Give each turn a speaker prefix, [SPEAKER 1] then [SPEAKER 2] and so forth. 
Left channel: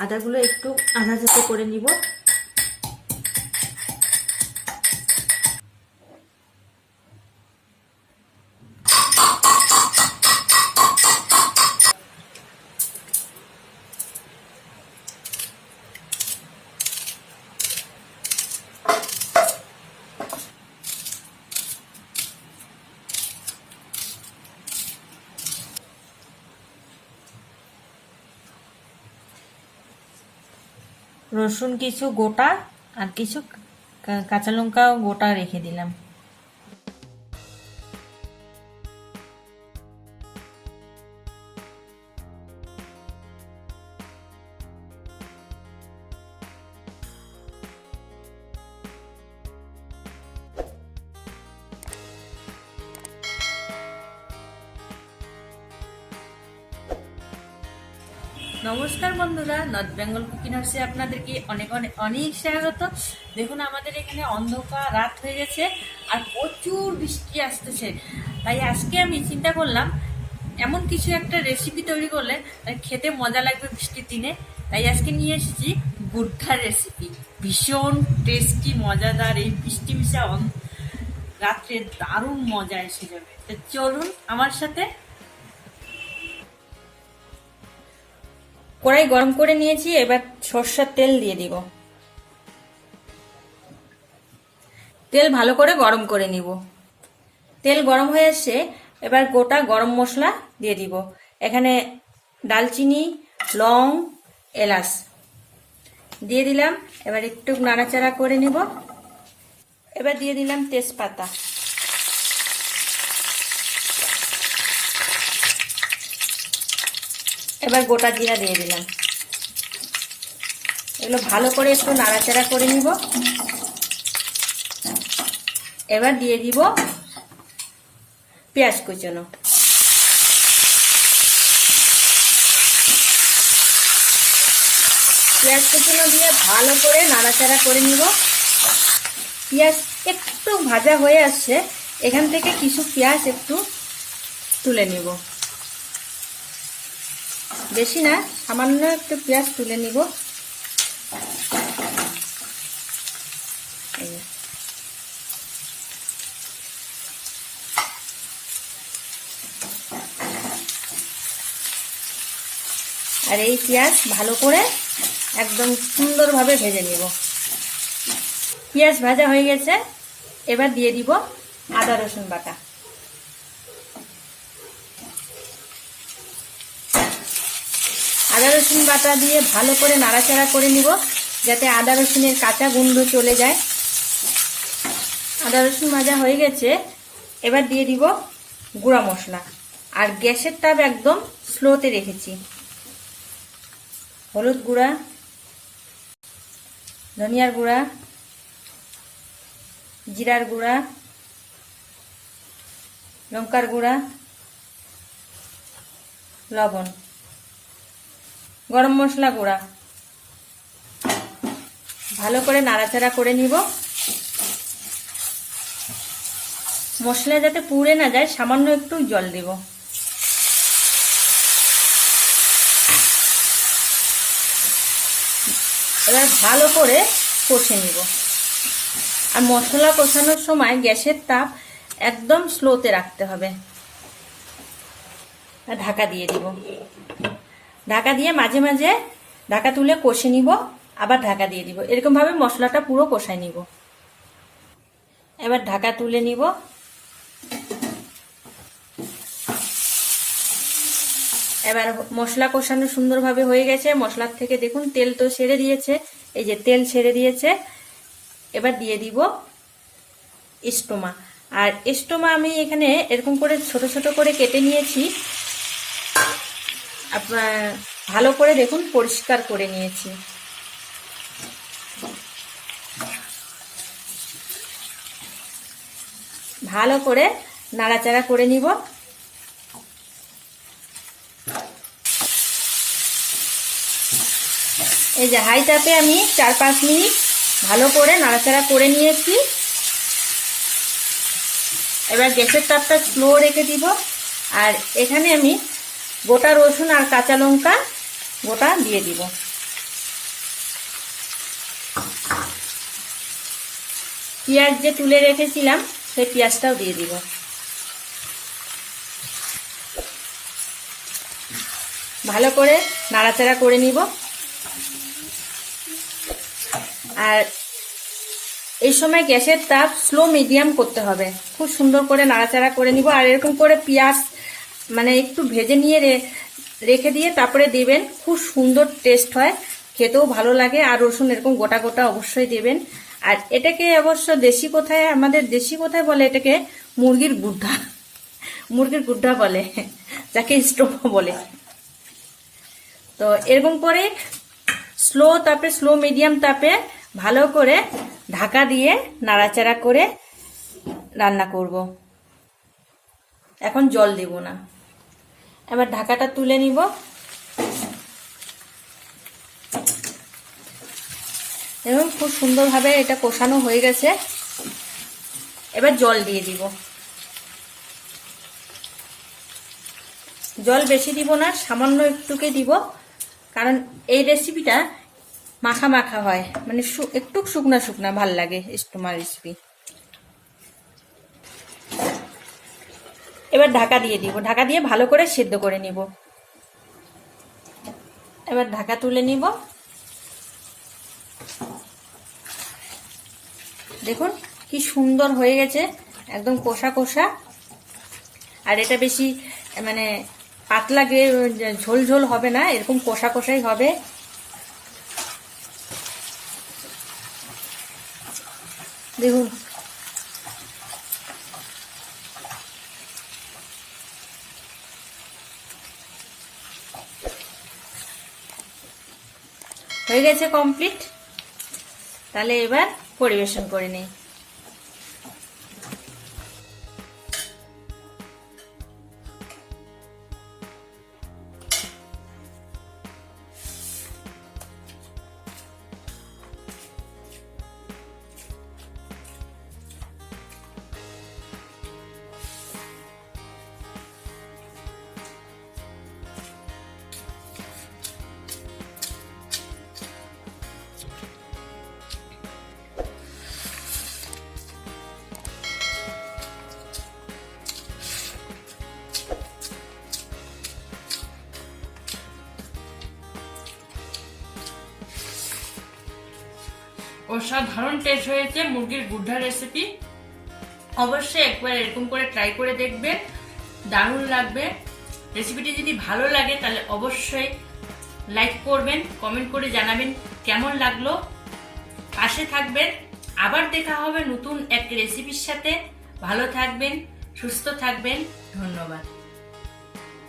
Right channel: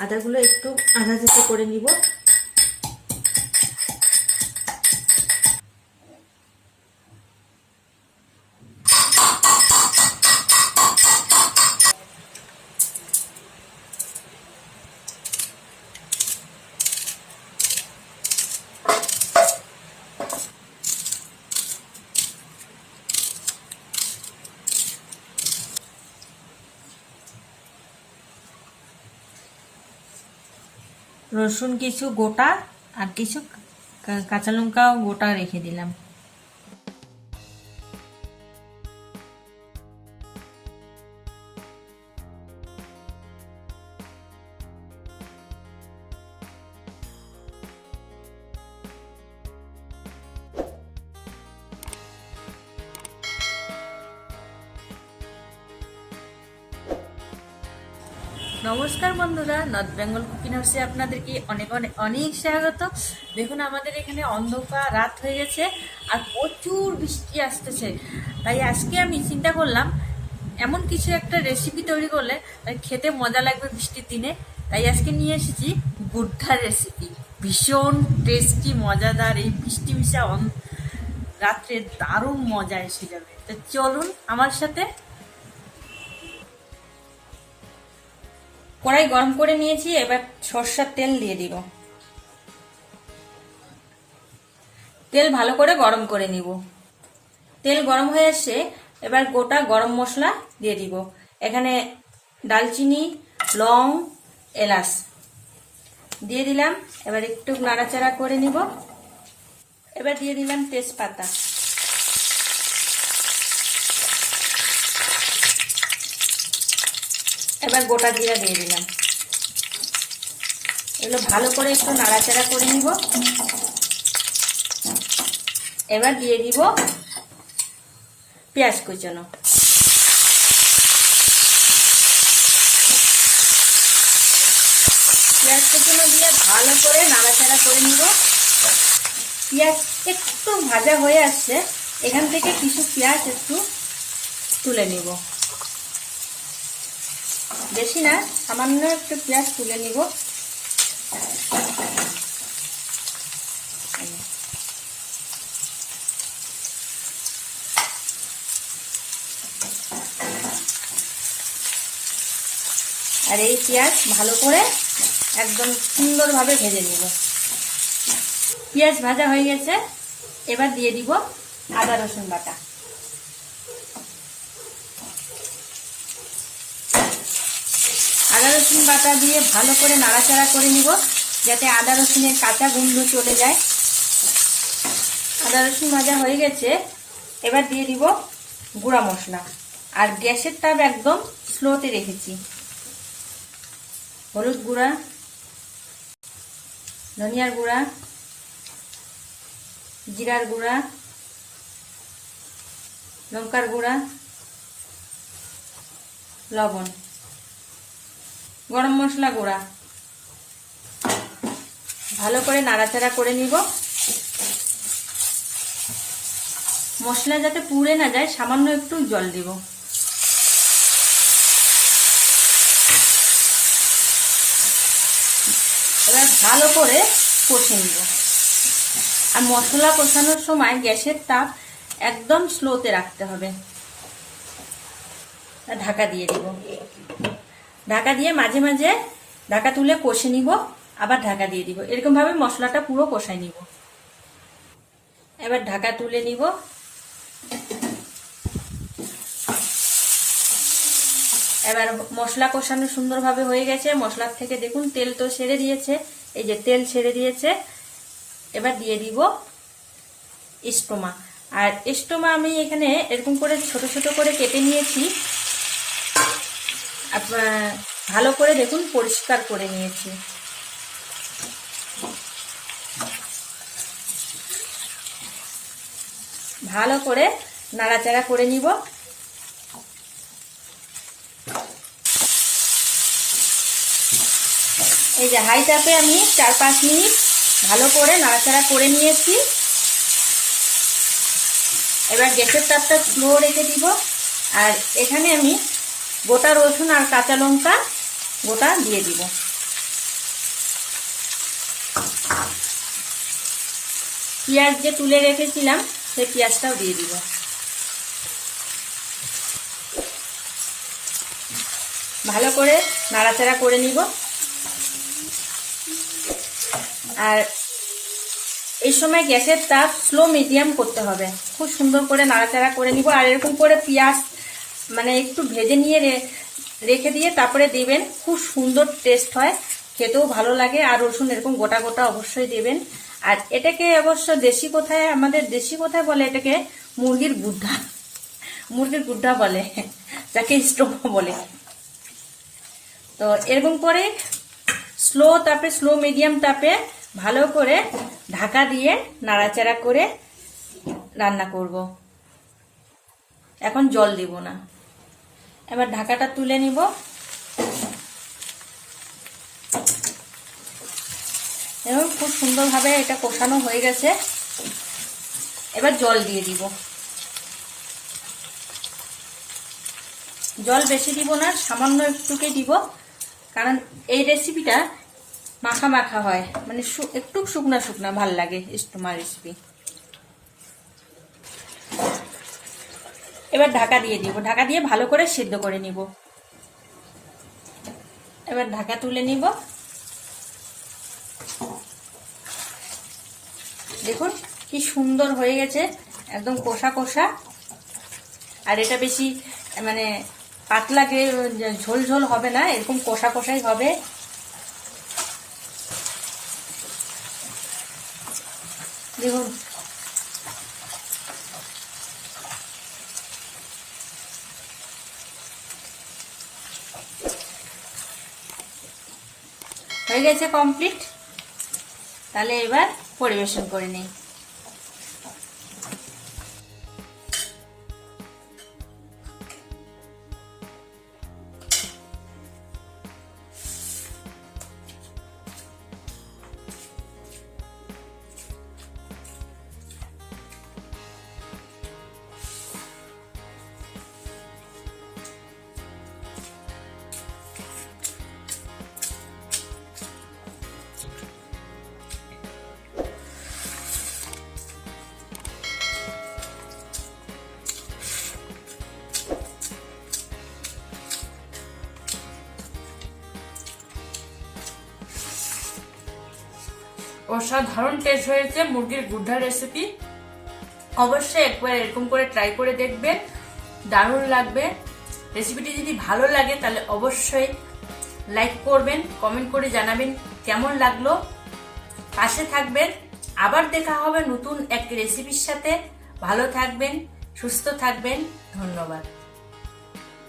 [SPEAKER 1] আদাগুলো একটু আধা থেকে করে নিব। রসুন কিছু গোটা আর কিছু কাঁচা লঙ্কাও গোটা রেখে দিলাম। নমস্কার বন্ধুরা নর্থ বেঙ্গল কুকিং হাউসে আপনাদেরকে অনেক অনেক অনেক স্বাগত। দেখুন, আমাদের এখানে অন্ধকার, রাত হয়ে গেছে আর প্রচুর বৃষ্টি আসতেছে। তাই আজকে আমি চিন্তা করলাম, এমন কিছু একটা রেসিপি তৈরি করলে তাই খেতে মজা লাগবে বৃষ্টির দিনে। তাই আজকে নিয়ে এসেছি গুড্ডার রেসিপি ভীষণ টেস্টি মজাদার, এই বৃষ্টি মিশা রাত্রে দারুণ মজা এসে যাবে। তো চলুন আমার সাথে কড়াই গরম করে নিয়েছি, এবার সর্ষার তেল দিয়ে দিব। তেল ভালো করে গরম করে নিব। তেল গরম হয়ে আসছে, এবার গোটা গরম মশলা দিয়ে দিব। এখানে দালচিনি লং, এলাচ দিয়ে দিলাম। এবার একটু নাড়াচাড়া করে নিব। এবার দিয়ে দিলাম তেজপাতা। এবার গোটা জিরা দিয়ে দিলাম। এগুলো ভালো করে একটু নাড়াচাড়া করে নিব। এবার দিয়ে দিব পেঁয়াজ কুচনো। পেঁয়াজ কুচনো দিয়ে ভালো করে নাড়াচাড়া করে নিব। পেঁয়াজ একটু ভাজা হয়ে আসছে। এখান থেকে কিছু পেঁয়াজ একটু তুলে নিব। বেশি না, সামান্য একটু পেঁয়াজ তুলে নিব। আর এই পেঁয়াজ ভালো করে একদম সুন্দরভাবে ভেজে নিব। পেঁয়াজ ভাজা হয়ে গেছে, এবার দিয়ে দিব আদা রসুন বাটা। আদা রসুন বাটা দিয়ে ভালো করে নাড়াচাড়া করে নিব, যাতে আদা রসুনের কাঁচা গন্ধ চলে যায়। আদা রসুন ভাজা হয়ে গেছে, এবার দিয়ে দিব গুঁড়া মশলা। আর গ্যাসের তাপ একদম স্লোতে রেখেছি। হলুদ গুঁড়া, ধনিয়ার গুঁড়া, জিরার গুঁড়া, লঙ্কার গুঁড়া, লবণ। গরম মশলা গুঁড়া। ভালো করে নাড়াচাড়া করে নিব। মশলা যাতে পুড়ে না যায়, সামান্য একটু জল দিব। এবার ভালো করে কষে নিব। আর মশলা কষানোর সময় গ্যাসের তাপ একদম স্লোতে রাখতে হবে। ঢাকা দিয়ে দিব। ঢাকা দিয়ে মাঝে মাঝে ঢাকা তুলে কষে নিব, আবার ঢাকা দিয়ে দিব। এরকম ভাবে মশলাটা পুরো কষাই নিব। এবার ঢাকা তুলে নিব। এবার মশলা কষানো সুন্দরভাবে হয়ে গেছে। মশলার থেকে দেখুন, তেল তো সেরে দিয়েছে। এই যে তেল ছেড়ে দিয়েছে। এবার দিয়ে দিব স্টোমা আর স্টোমা আমি এখানে এরকম করে ছোট ছোট করে কেটে নিয়েছি। ভালো করে দেখুন, পরিষ্কার করে নিয়েছি। ভালো করে নাড়াচাড়া করে নিব। এই যে হাই তাপে আমি চার পাঁচ মিনিট ভালো করে নাড়াচাড়া করে নিয়েছি। এবার গ্যাসের তাপটা স্লো রেখে দিব। আর এখানে আমি গোটা রসুন আর কাঁচা লঙ্কা গোটা দিয়ে দিব। পেঁয়াজ যে তুলে রেখেছিলাম, সেই পেঁয়াজটাও দিয়ে দিব। ভালো করে নাড়াচাড়া করে নিব। আর এই সময় গ্যাসের তাপ স্লো মিডিয়াম করতে হবে। খুব সুন্দর করে নাড়াচাড়া করে নিব। আর এরকম করে পেঁয়াজ মানে একটু ভেজে নিয়ে রেখে দিয়ে তারপরে দিবেন। খুব সুন্দর টেস্ট হয়, খেতেও ভালো লাগে, আর রসুন এরকম গোটা গোটা অবশ্যই দেবেন। আর এটাকে অবশ্য দেশি কোথায়, আমাদের দেশি কোথায় বলে এটাকে? মুরগির গুড্ডা। মুরগির গুড্ডা বলে, যাকে স্টোভ বলে। তো এরকম করে স্লো তাপে, স্লো মিডিয়াম তাপে ভালো করে ঢাকা দিয়ে নাড়াচাড়া করে রান্না করব। এখন জল দিব না। এবার ঢাকাটা তুলে নিব। এবং খুব সুন্দরভাবে এটা কষানো হয়ে গেছে। এবার জল দিয়ে দিব। জল বেশি দিব না, সামান্য একটুকে দিব, কারণ এই রেসিপিটা মাখা মাখা হয়। মানে একটু শুকনা শুকনা ভালো লাগে ইস্টোমা রেসিপি এবার ঢাকা দিয়ে দিব ঢাকা দিয়ে ভালো করে সিদ্ধ করে নিব। এবার ঢাকা তুলে নিব। দেখুন কি সুন্দর হয়ে গেছে, একদম কষা কষা। আর এটা বেশি মানে পাতলা ঝোল ঝোল হবে না, এরকম কষা কষাই হবে। দেখুন হয়ে গেছে কমপ্লিট তাহলে এবার পরিবেশন করে নিই। অসাধারণ টেস্ট হয়েছে মুরগির গুড্ডা রেসিপি অবশ্যই একবার এরকম করে ট্রাই করে দেখবেন, দারুণ লাগবে। রেসিপিটি যদি ভালো লাগে তাহলে অবশ্যই লাইক করবেন কমেন্ট করে জানাবেন কেমন লাগল। পাশে থাকবেন, আবার দেখা হবে নতুন এক রেসিপির সাথে। ভালো থাকবেন, সুস্থ থাকবেন, ধন্যবাদ।